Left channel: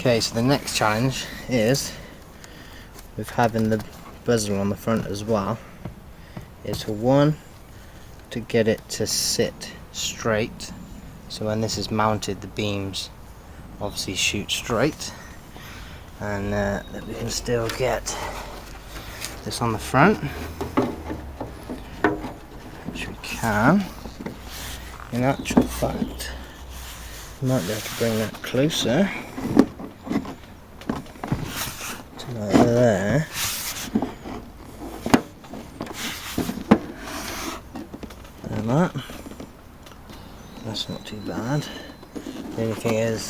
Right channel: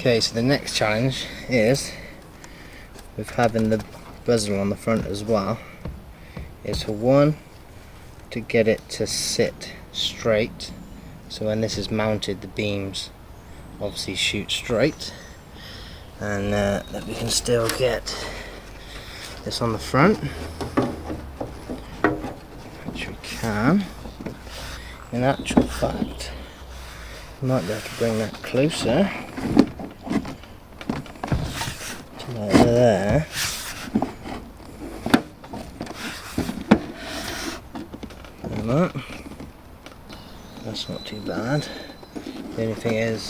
Okay, so the next challenge is, with having the bezel on the front as well, is to get it to sit straight, so when this is mounted the beams obviously shoot straight, and that we can still get this on the front, which we can. In actual fact, I might be able to bring that closer to there. And that's not too bad. The only thing is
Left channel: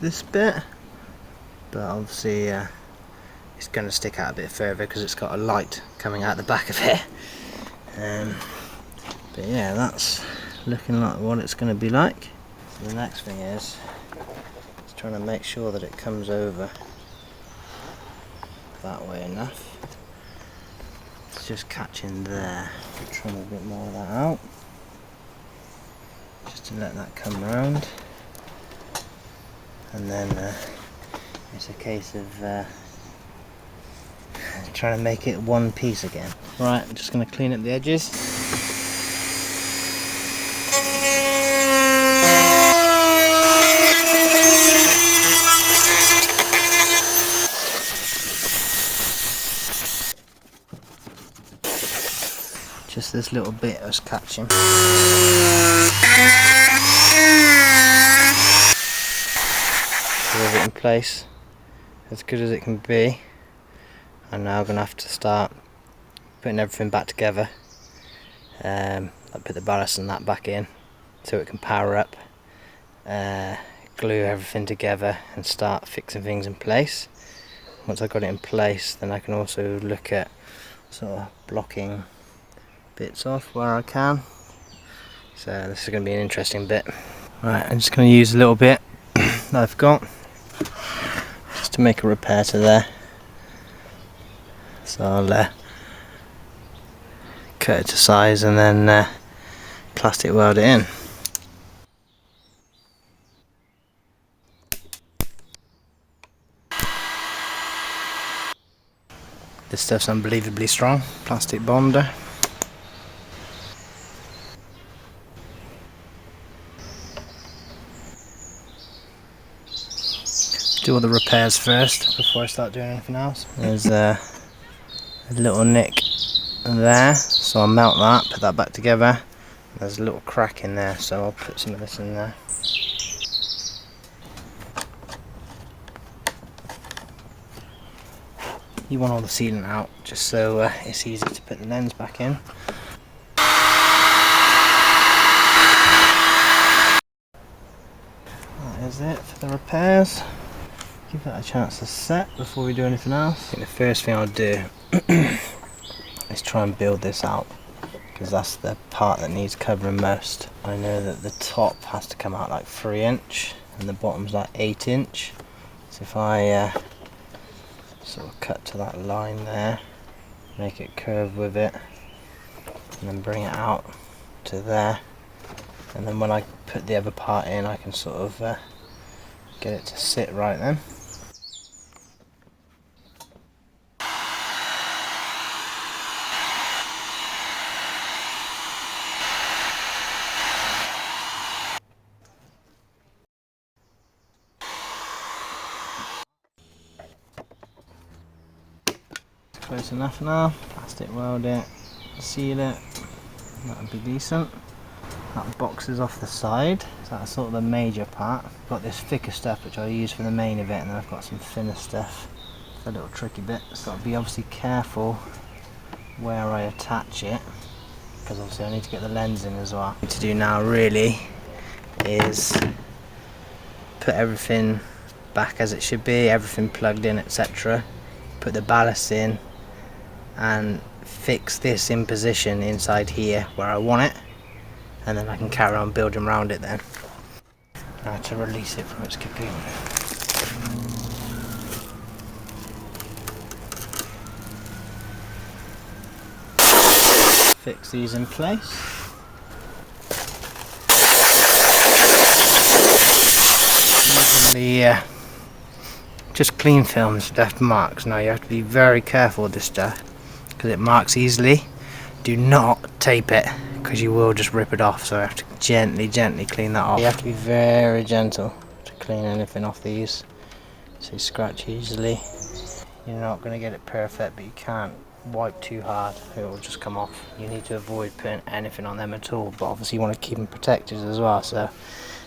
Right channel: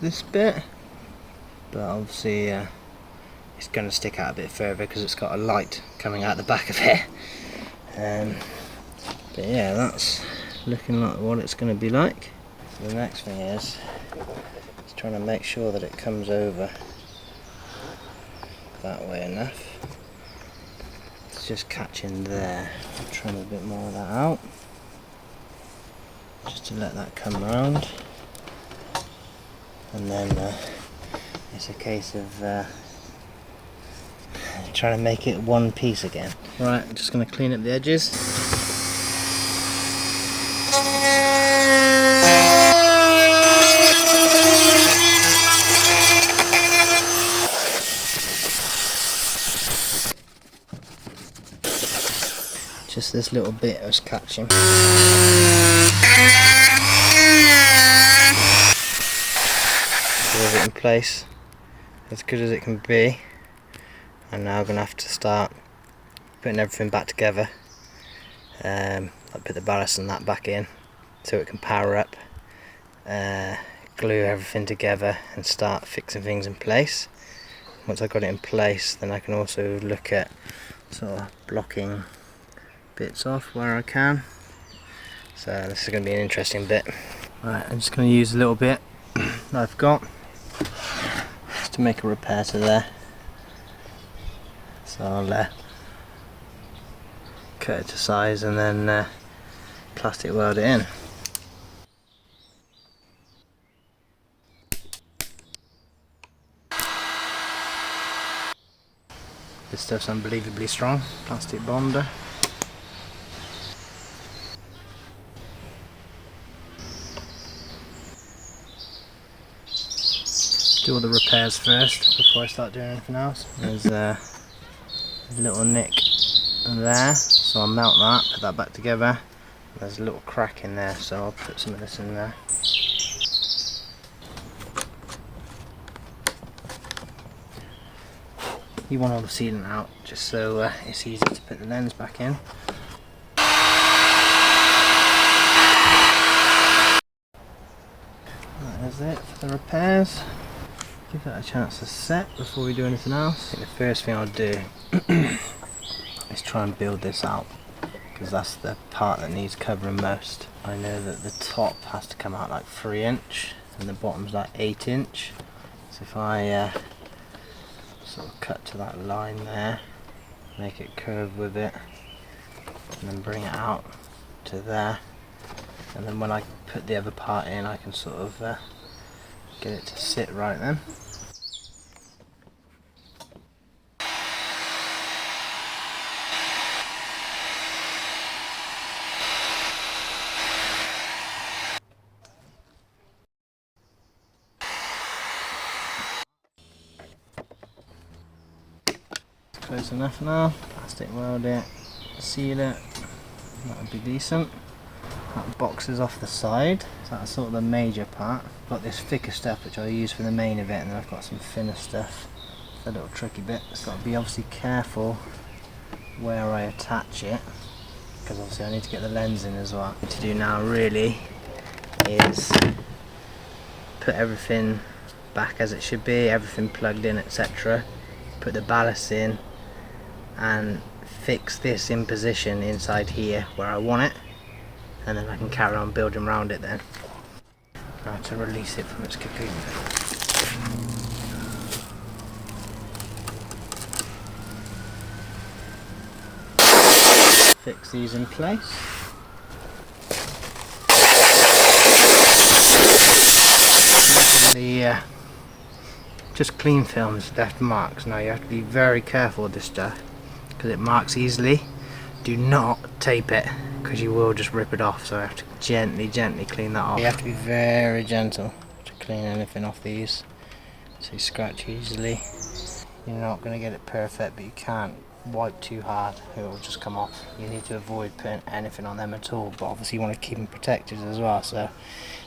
this bit, but obviously it's going to stick out a bit further because it's got a light coming out the back of it. But yeah, that's looking like what it's going to be like. So the next thing is trying to make sure that it comes over that way enough. It's just catching there. I'm trying a bit more of that out, just to let that come round, and then it's a case of trying to make it one piece again. Right, I'm just going to clean up the edges. Just this little bit I was catching. Leave it in place as good as it can be. I'm now going to have to start putting everything back together. I put the ballast and that back in so it can power up, glue everything together and start fixing things in place. Once I've got it in place, then I can also look at sort of blocking bits off where I can. So this is going to be an interesting bit. Right, I'm just going to use a little bit that I've got just to make a repair to there. So I'll cut it to size and then plastic weld it in. This stuff's unbelievably strong, plastic bonder. Do all the repairs first before I start doing anything else. There's a little nick there, so I'll melt that, put that back together. There's a little crack in there, so I'll put some of this in there. You want all the sealant out, just so it's easy to put the lens back in. That is it for the repairs. Give that a chance to set before we do anything else. I think the first thing I'll do is try and build this out, because that's the part that needs covering most. I know that the top has to come out like 3 inch and the bottom's like 8 inch. So if I sort of cut to that line there, make it curve with it, and then bring it out to there, and then when I put the other part in I can sort of get it to sit right then. Close enough now. Plastic weld it, seal it, that would be decent. That box is off the side, so that's sort of the major part. I've got this thicker stuff which I'll use for the main of it, and then I've got some thinner stuff, the little tricky bits. Got to be obviously careful where I attach it, because obviously I need to get the lens in as well. What I need to do now really is put everything back as it should be, everything plugged in, etc. Put the ballast in and fix this in position inside here where I want it, and then I can carry on building around it then. Now to release it from its cocoon. Fix these in place. The just clean films left marks. Now you have to be very careful with this stuff because it marks easily. Do not tape it because you will just rip it off, so I have to gently clean that off. You have to be very gentle to clean anything off these, so you scratch easily. You're not going to get it perfect, but you can't wipe too hard, it will just come off. You need to avoid putting anything on them at all, but obviously you want to keep them protected as well, so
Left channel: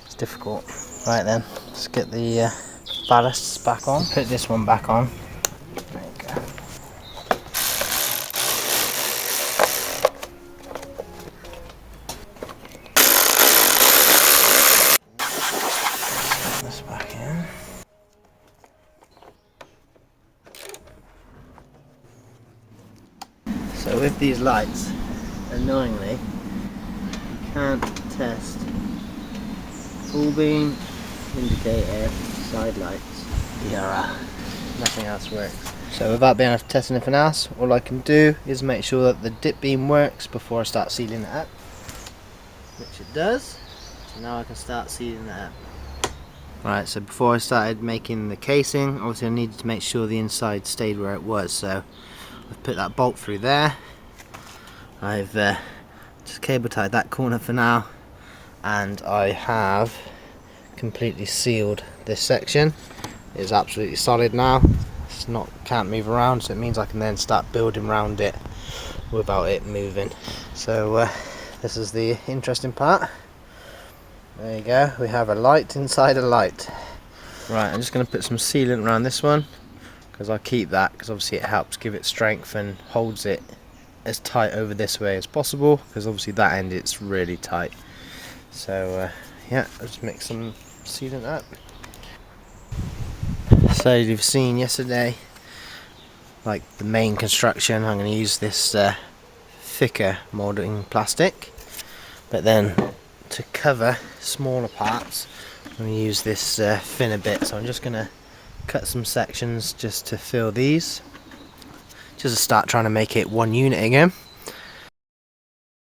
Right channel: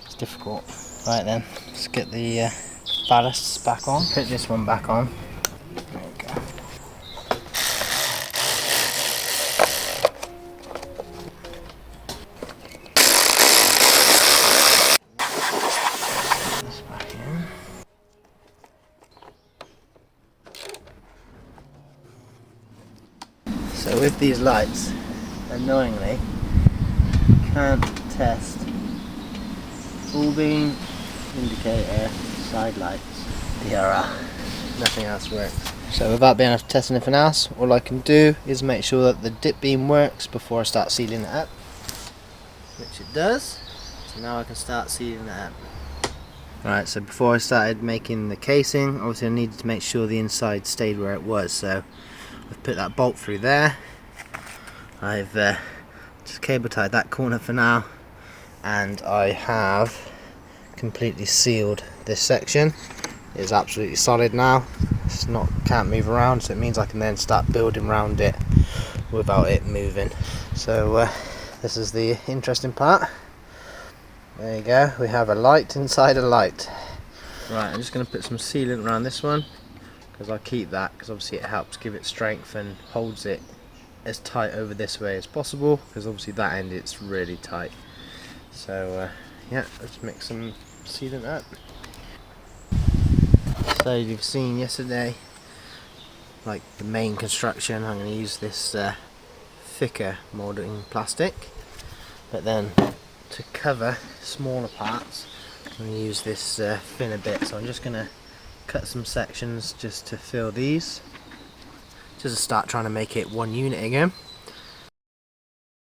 it's difficult. Right then, let's get the ballasts back on. Put this one back on. There we go. This back in. So with these lights, annoyingly, you can't test full beam, indicator, side lights, DRL. Nothing else works. So without being able to test anything else, all I can do is make sure that the dip beam works before I start sealing it up, which it does. So now I can start sealing it up. Right, so before I started making the casing, obviously I needed to make sure the inside stayed where it was, so I've put that bolt through there. I've just cable tied that corner for now, and I have completely sealed this section. It's absolutely solid now. It's not, can't move around, so it means I can then start building around it without it moving. So this is the interesting part. There you go, we have a light inside a light. Right, I'm just going to put some sealant around this one, because I'll keep that because obviously it helps give it strength and holds it as tight over this way as possible, because obviously that end it's really tight. So yeah, let's mix some sealant up. So you've seen yesterday, like the main construction, I'm going to use this thicker moulding plastic, but then to cover smaller parts I'm going to use this thinner bit. So I'm just going to cut some sections just to fill these, just to start trying to make it one unit again.